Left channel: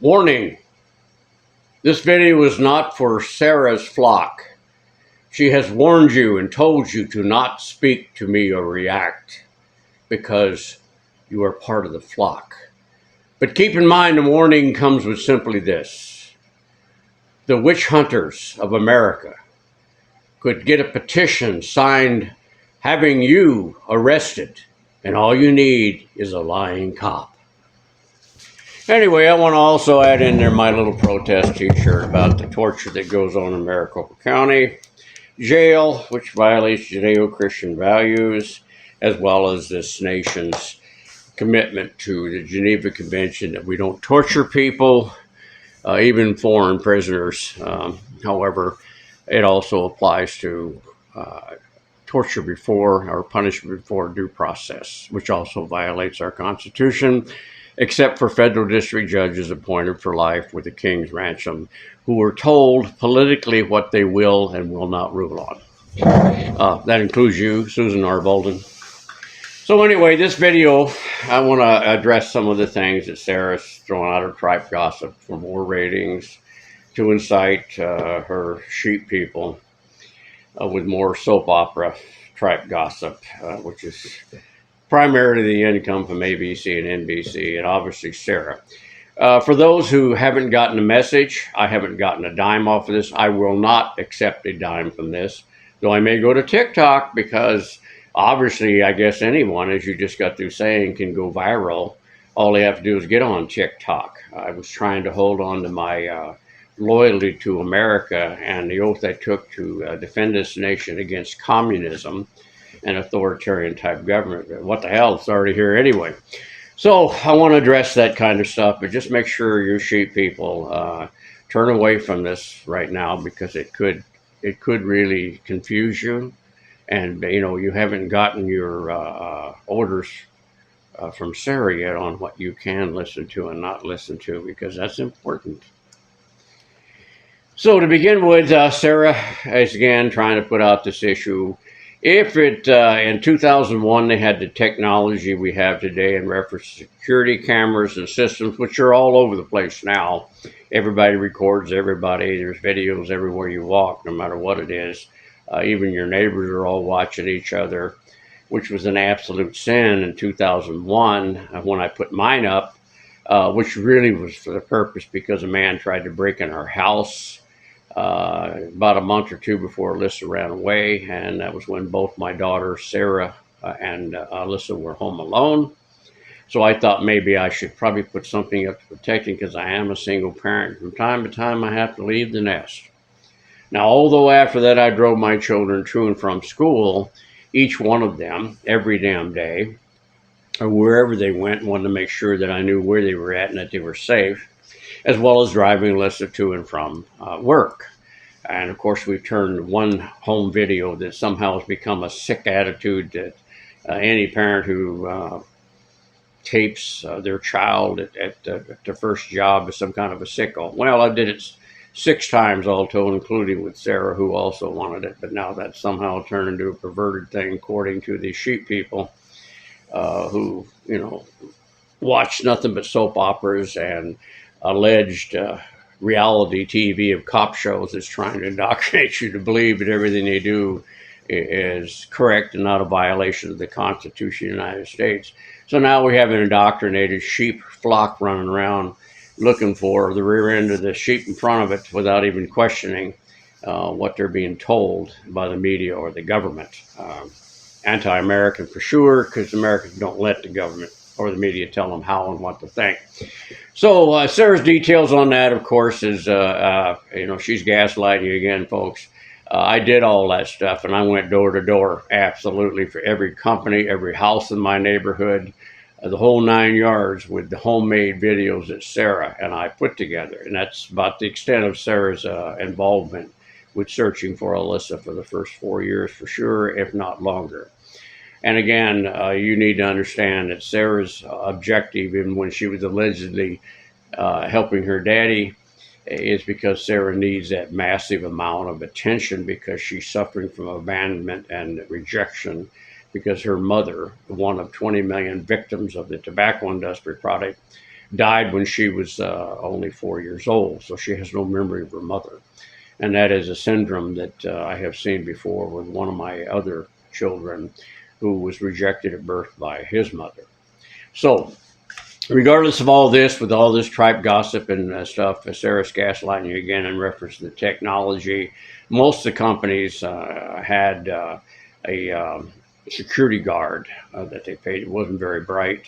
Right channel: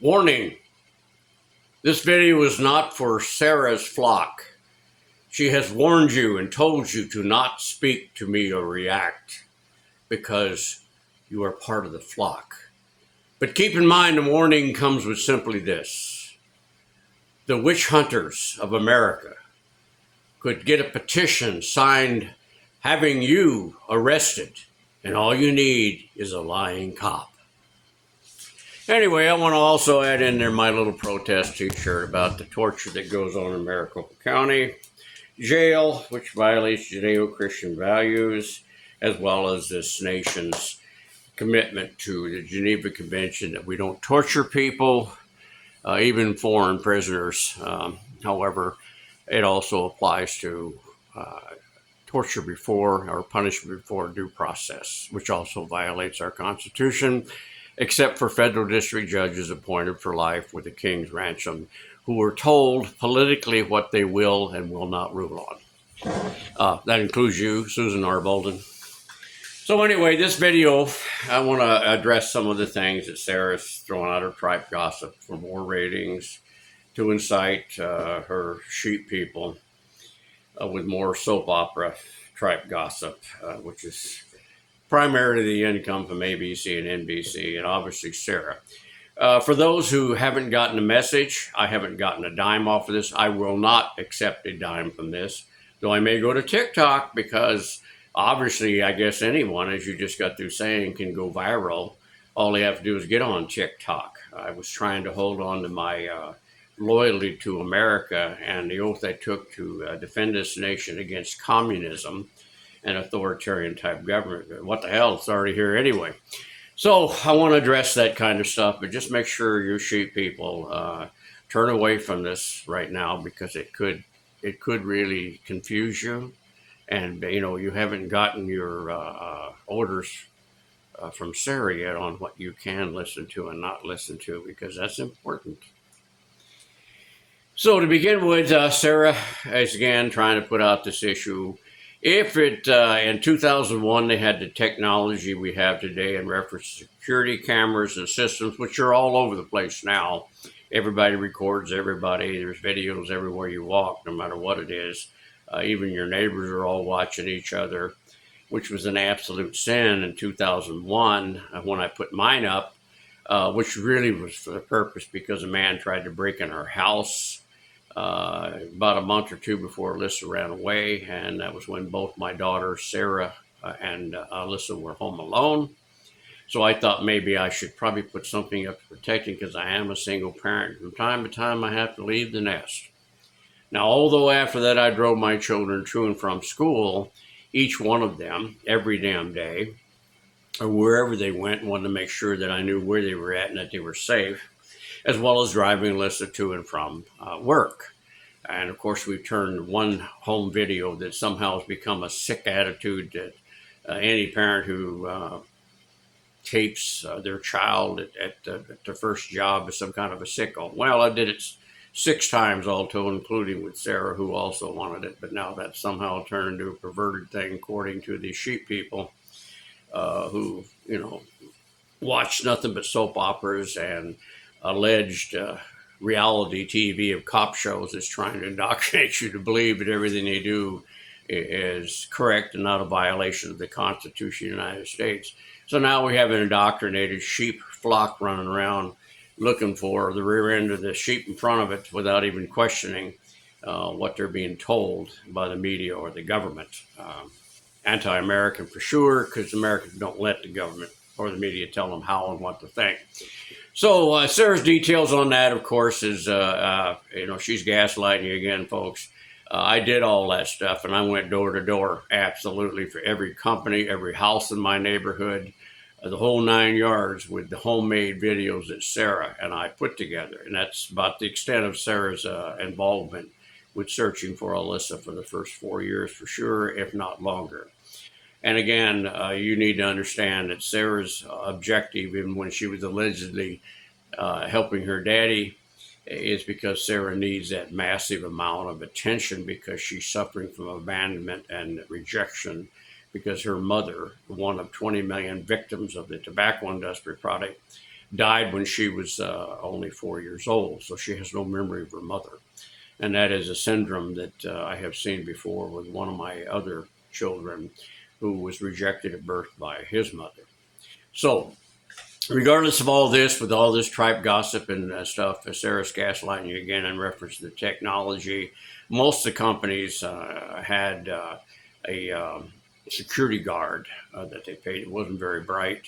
Warning, this video is not for Sarah's flock. She has warned you and told you to not speak to me or react because you are part of the flock. But keep in mind, the warning comes with simply this. The witch hunters of America could get a petition signed having you arrested, and all you need is a lying cop. Anyway, I want to also add in there my little protest t-shirt about the torture that goes on in Maricopa County Jail, which violates Judeo-Christian values, as well as this nation's commitment to the Geneva Convention that we don't torture people, even foreign prisoners. However, it also applies to torture before or punishment before due process, which also violates our Constitution, except for federal district judges appointed for life with the king's ransom, who are told politically what they will and will not rule on. That includes you, Susan R. Bolden. So anyway, this video, I want to address some of the things that Sarah's throwing out of tripe gossip for more ratings, to incite her sheep people with more soap opera tripe gossip, which is primarily the income from ABC and NBC, and obviously Sarah. For those who haven't gotten the message, I haven't gotten a dime off of this. I will not accept a dime from this, though I may go to TikTok because obviously, I guess anyone, as you just got through saying, can go viral. All they have to do is get on TikTok. I was trying to hold on to my loyalty to America and the oath I took to defend this nation against communism and authoritarian type government. What the hell, it's already here anyway. So I want to address that kind of stuff, but just make sure you sheep people turn away from this right now, because it could really confuse you. And you haven't gotten your orders from Sarah yet on what you can listen to and not listen to, because that's important. So to begin with, Sarah is again trying to put out this issue. If in 2001 they had the technology we have today in reference to security cameras and systems, which are all over the place now, everybody records everybody. There's videos everywhere you walk, no matter what it is. Even your neighbors are all watching each other, which was an absolute sin in 2001 when I put mine up, which really was for the purpose because a man tried to break in our house about a month or two before Alyssa ran away, and that was when both my daughters, Sarah and Alyssa, were home alone. So I thought maybe I should probably put something up to protect him, because I am a single parent. From time to time, I have to leave the nest. Now, although after that I drove my children to and from school, each one of them, every damn day, or wherever they went, wanted to make sure that I knew where they were at and that they were safe, as well as driving Alyssa to and from work. And of course, we've turned one home video that somehow has become a sick attitude that any parent who tapes their child at the first job is some kind of a sicko. Well, I did it 6 times all told, including with Sarah, who also wanted it. But now that's somehow turned into a perverted thing, according to these sheep people who, watch nothing but soap operas and alleged reality TV of cop shows is trying to indoctrinate you to believe that everything they do is correct and not a violation of the Constitution of the United States. So now we have an indoctrinated sheep flock running around looking for the rear end of the sheep in front of it without even questioning what they're being told by the media or the government. Anti-American for sure, because Americans don't let the government or the media tell them how and what to think. So Sarah's details on that, of course, is, she's gaslighting you again, folks. I did all that stuff, and I went door to door, absolutely, for every company, every house in my neighborhood, the whole 9 yards, with the homemade videos that Sarah and I put together. And that's about the extent of Sarah's involvement with searching for Alyssa for the first 4 years, for sure, if not longer. And again, you need to understand that Sarah's objective, even when she was allegedly helping her daddy, is because Sarah needs that massive amount of attention, because she's suffering from abandonment and rejection, because her mother, one of 20 million victims of the tobacco industry product, died when she was only 4 years old, so she has no memory of her mother. And that is a syndrome that I have seen before with one of my other children who was rejected at birth by his mother. So, regardless of all this, with all this tripe gossip and stuff, Sarah's gaslighting you again in reference to the technology. Most of the companies had a security guard that they paid. It wasn't very bright,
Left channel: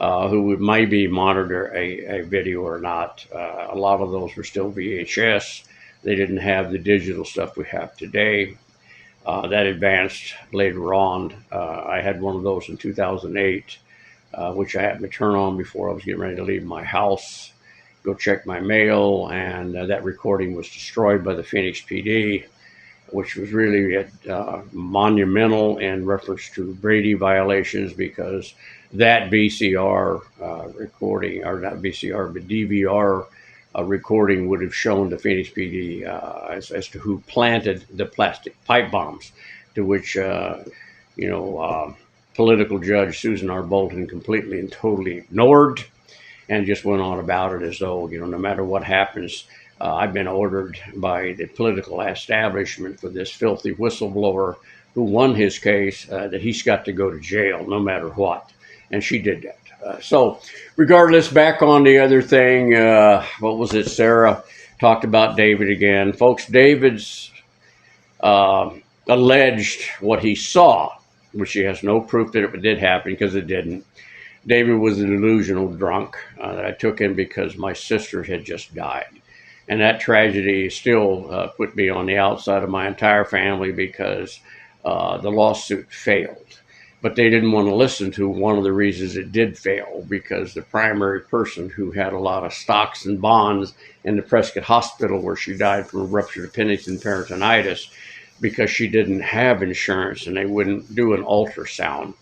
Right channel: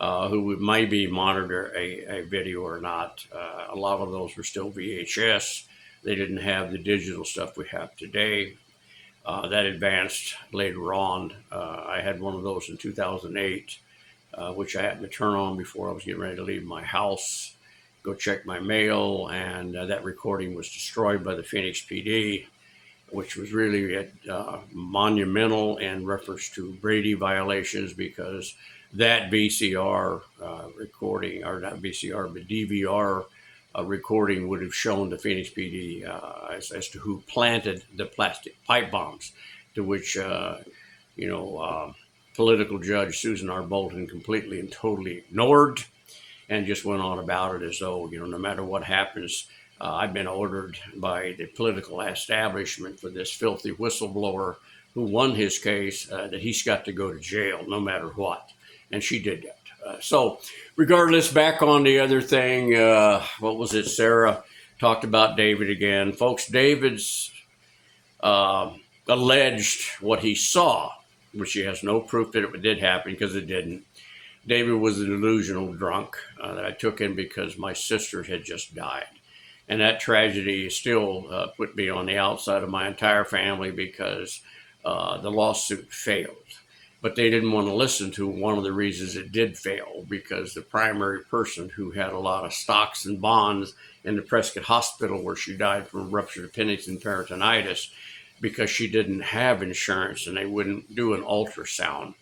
who would maybe monitor a video or not. A lot of those were still VHS. They didn't have the digital stuff we have today. That advanced later on. I had one of those in 2008, which I happened to turn on before I was getting ready to leave my house, go check my mail, and that recording was destroyed by the Phoenix PD, which was really monumental in reference to Brady violations, because that VCR recording, or not VCR, but DVR recording would have shown the Phoenix PD as to who planted the plastic pipe bombs, to which, political judge Susan R. Bolton completely and totally ignored and just went on about it as though, no matter what happens, I've been ordered by the political establishment for this filthy whistleblower who won his case, that he's got to go to jail no matter what. And she did that. So regardless, back on the other thing, what was it? Sarah talked about David again. Folks, David's alleged what he saw, which she has no proof that it did happen, because it didn't. David was a delusional drunk. I took him because my sister had just died. And that tragedy still put me on the outside of my entire family, because the lawsuit failed. But they didn't want to listen to one of the reasons it did fail, because the primary person who had a lot of stocks and bonds in the Prescott Hospital, where she died from a ruptured appendix and peritonitis, because she didn't have insurance and they wouldn't do an ultrasound,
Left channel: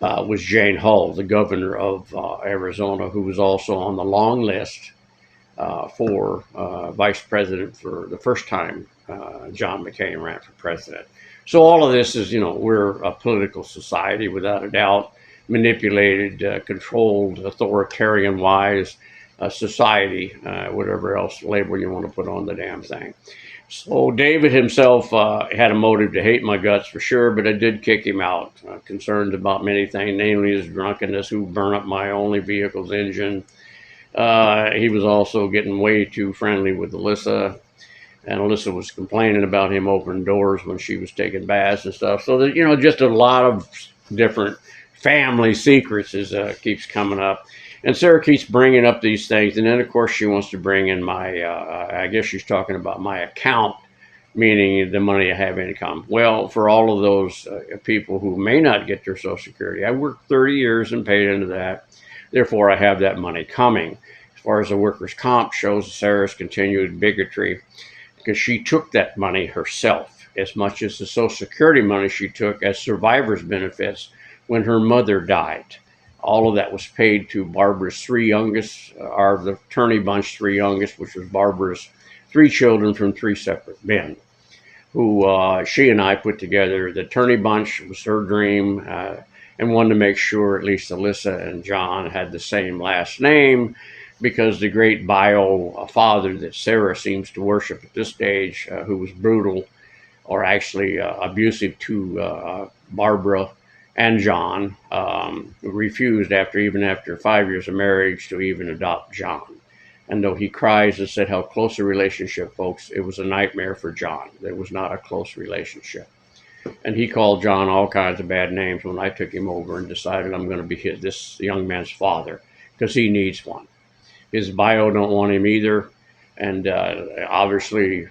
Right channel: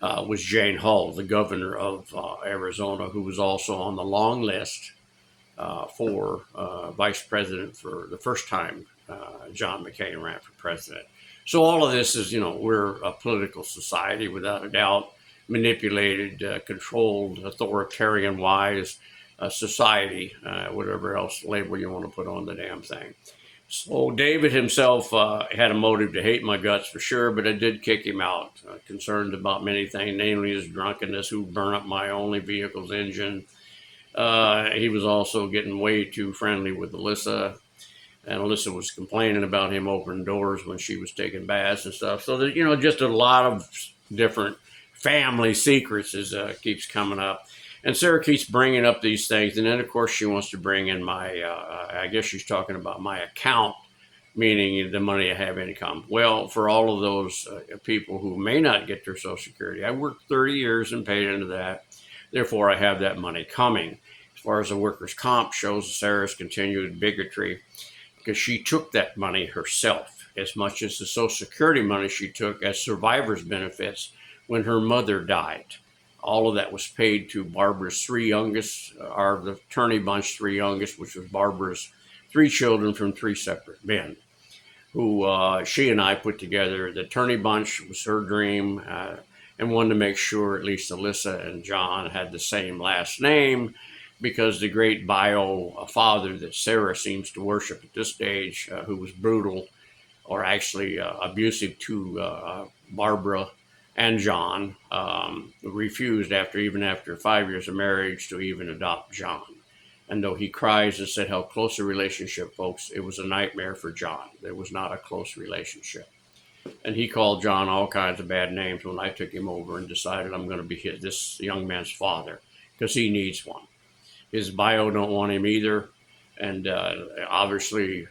was Jane Hull, the governor of Arizona, who was also on the long list for vice president for the first time John McCain ran for president. So all of this is, we're a political society, without a doubt, manipulated, controlled, authoritarian-wise society, whatever else label you want to put on the damn thing. So David himself had a motive to hate my guts for sure, but I did kick him out, concerned about many things, namely his drunkenness, who burned up my only vehicle's engine. He was also getting way too friendly with Alyssa, and Alyssa was complaining about him opening doors when she was taking baths and stuff. So, just a lot of different family secrets keeps coming up. And Sarah keeps bringing up these things. And then, of course, she wants to bring in my, I guess she's talking about my account, meaning the money I have income. Well, for all of those people who may not get their Social Security, I worked 30 years and paid into that. Therefore, I have that money coming. As far as the workers' comp shows, Sarah's continued bigotry, because she took that money herself, as much as the Social Security money she took as survivor's benefits when her mother died. All of that was paid to Barbara's three youngest, or the Turney Bunch three youngest, which was Barbara's three children from three separate men, who she and I put together. The Turney Bunch was her dream, and wanted to make sure at least Alyssa and John had the same last name, because the great bio father that Sarah seems to worship at this stage, who was brutal, or actually abusive to Barbara and John, refused even after 5 years of marriage to even adopt John. And though he cries and said how close a relationship, folks, it was a nightmare for John. There was not a close relationship. And he called John all kinds of bad names when I took him over and decided I'm going to be this young man's father, because he needs one. His bio don't want him either. And obviously,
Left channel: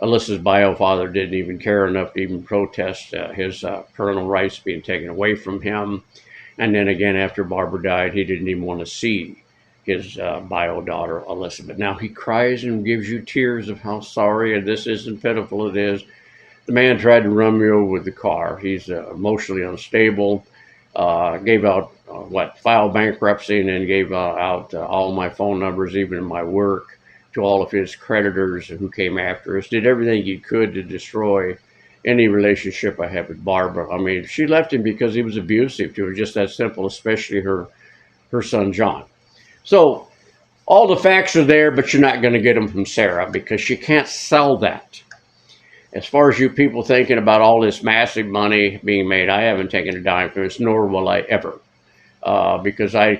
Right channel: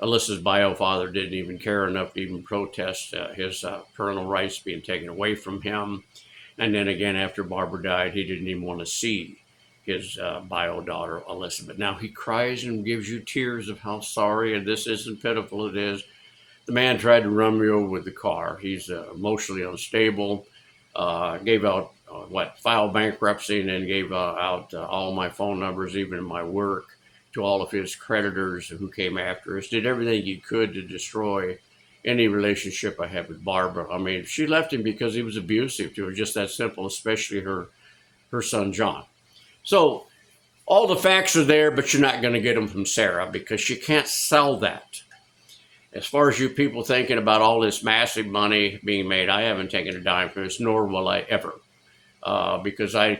Alyssa's bio father didn't even care enough to even protest his parental rights being taken away from him. And then again, after Barbara died, he didn't even want to see his bio daughter, Alyssa. But now he cries and gives you tears of how sorry, and this isn't pitiful, it is. The man tried to run me over with the car. He's emotionally unstable. Gave out, filed bankruptcy, and then gave out all my phone numbers, even in my work, to all of his creditors who came after us. Did everything he could to destroy any relationship I had with Barbara. I mean, she left him because he was abusive to her, just that simple, especially her son, John. So all the facts are there, but you're not going to get them from Sarah because she can't sell that. As far as you people thinking about all this massive money being made, I haven't taken a dime from this, nor will I ever, because I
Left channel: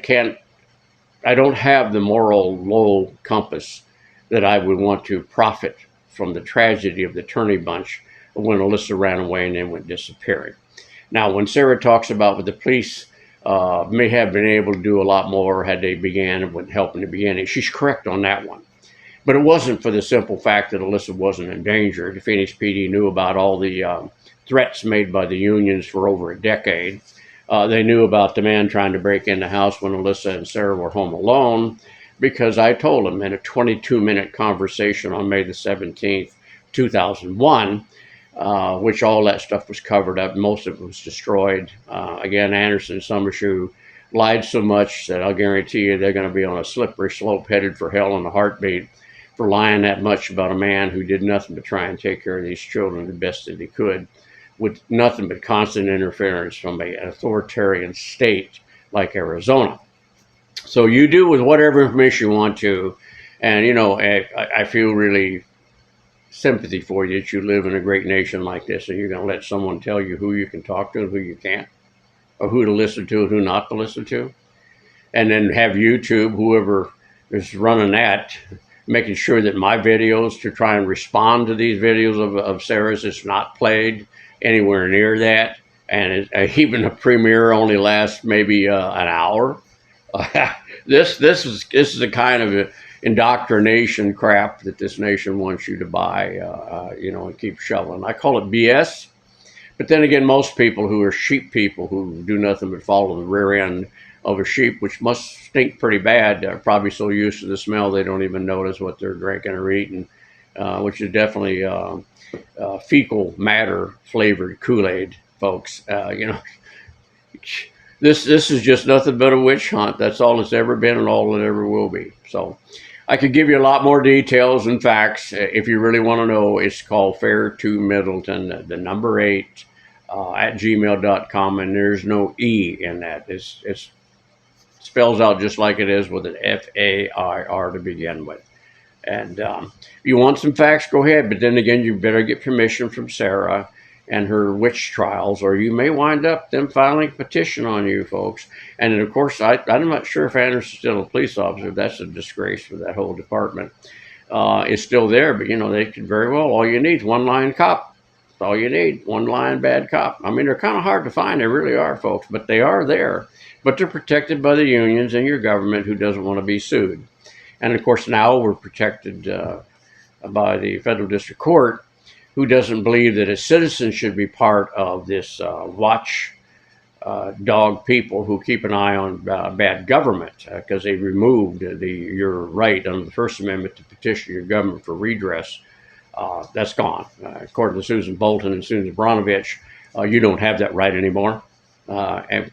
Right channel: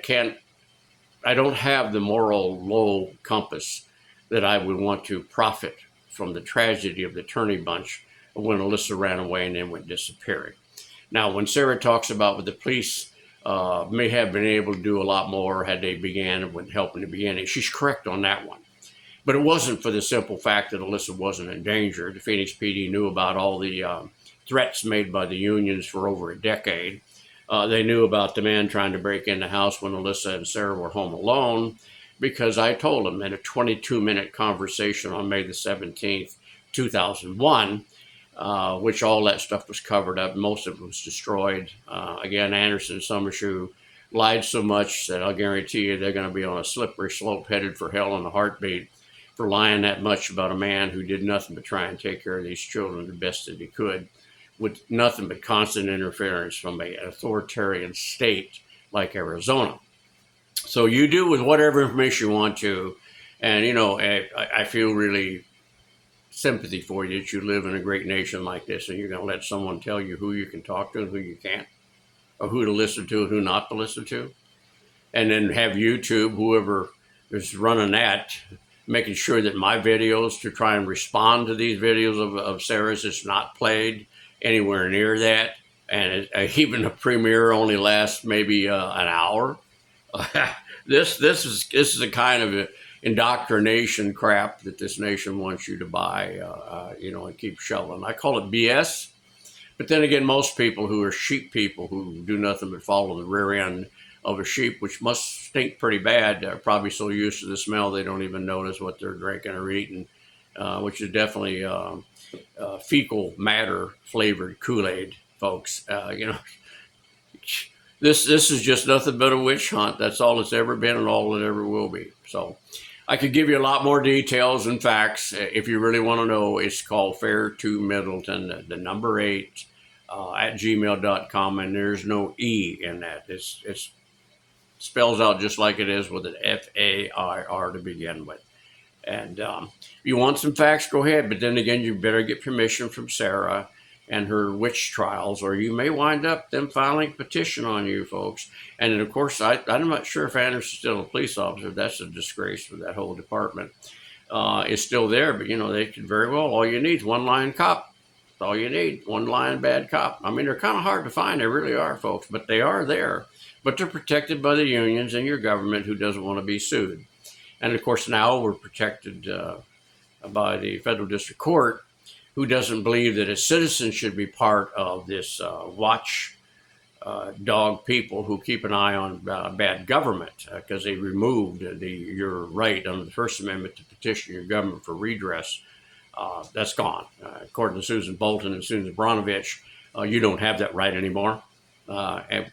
don't have the moral low compass that I would want to profit from the tragedy of the Turney Bunch when Alyssa ran away and then went disappearing. Now, when Sarah talks about what the police may have been able to do a lot more had they began with help in the beginning, she's correct on that one. But it wasn't for the simple fact that Alyssa wasn't in danger. The Phoenix PD knew about all the threats made by the unions for over a decade. They knew about the man trying to break in the house when Alyssa and Sarah were home alone, because I told them in a 22-minute conversation on May the 17th, 2001, which all that stuff was covered up. Most of it was destroyed. Again, Anderson and Summershoe lied so much that I'll guarantee you they're going to be on a slippery slope headed for hell in a heartbeat for lying that much about a man who did nothing but try and take care of these children the best that he could, with nothing but constant interference from an authoritarian state like Arizona. So you do with whatever information you want to. And, you know, I feel really sympathy for you that you live in a great nation like this, and you're going to let someone tell you who you can talk to and who you can't, or who to listen to and who not to listen to. And then have YouTube, whoever is running that, making sure that my videos to try and respond to these videos of Sarah's is not played anywhere near that. And even a premiere only lasts maybe an hour. This is a kind of indoctrination crap that this nation wants you to buy, and keep shoveling. I call it BS. But then again, most people who are sheep people who do nothing but follow the rear end of a sheep, which must stink pretty bad, are probably so used to the smell they don't even notice what they're drinking or eating, which is definitely fecal matter flavored Kool-Aid, folks. This is just nothing but a witch hunt. That's all it's ever been and all it ever will be. So I could give you a lot more details and facts if you really want to know. It's called Fair to Middleton, the number 8 at gmail.com, and there's no E in that. It's spells out just like it is with an FAIR to begin with. And if you want some facts, go ahead. But then again, you better get permission from Sarah and her witch trials, or you may wind up them filing a petition on you, folks. And then, of course, I'm not sure if Anderson's still a police officer. That's a disgrace for that whole department. It's still there, but, they could very well, all you need is one lying cop. That's all you need, one lying bad cop. I mean, they're kind of hard to find. They really are, folks, but they are there. But they're protected by the unions and your government, who doesn't want to be sued. And, of course, now we're protected by the federal district court, who doesn't believe that a citizen should be part of this watch dog people who keep an eye on bad government, because they removed your right under the First Amendment to petition your government for redress. That's gone. According to Susan Bolton and Susan Bronovich, you don't have that right anymore. And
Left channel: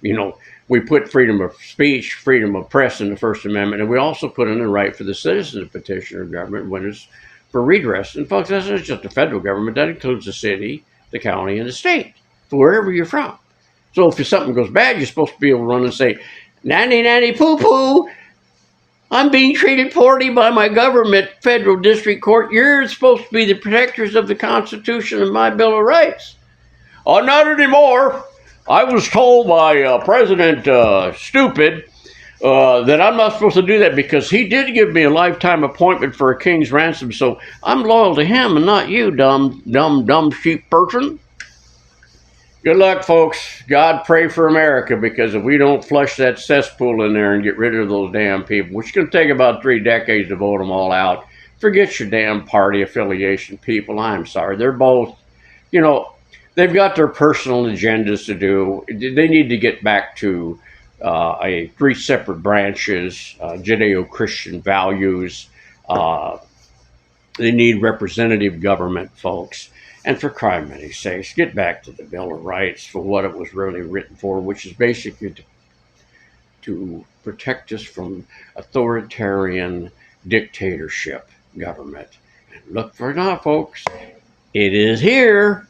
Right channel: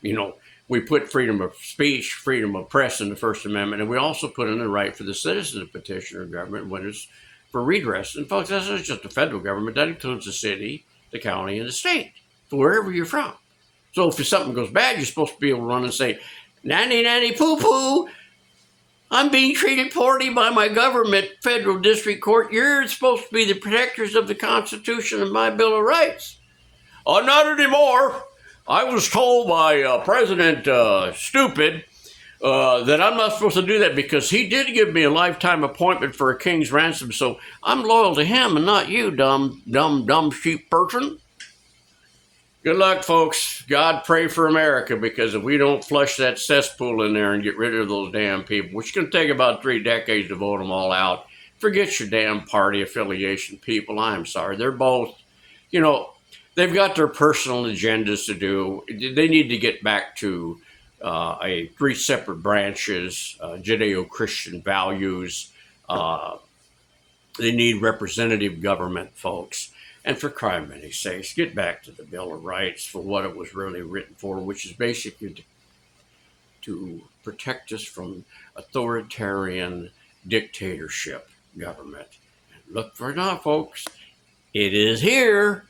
we put freedom of speech, freedom of press in the First Amendment, and we also put in the right for the citizen to petition your government when it's for redress. And folks, that's not just the federal government. That includes the city, the county, and the state, for wherever you're from. So if something goes bad, you're supposed to be able to run and say, nanny, nanny, poo-poo, I'm being treated poorly by my government, federal district court. You're supposed to be the protectors of the Constitution and my Bill of Rights. Oh, not anymore. I was told by President Stupid that I'm not supposed to do that because he did give me a lifetime appointment for a king's ransom, so I'm loyal to him and not you, dumb sheep person. Good luck, folks. God, pray for America, because if we don't flush that cesspool in there and get rid of those damn people, which is going to take about 3 decades to vote them all out, forget your damn party affiliation, people. I'm sorry. They're both, they've got their personal agendas to do. They need to get back to 3 separate branches, Judeo-Christian values. They need representative government, folks. And for crying sakes, get back to the Bill of Rights for what it was really written for, which is basically to protect us from authoritarian dictatorship government. And look for it now, folks. It is here.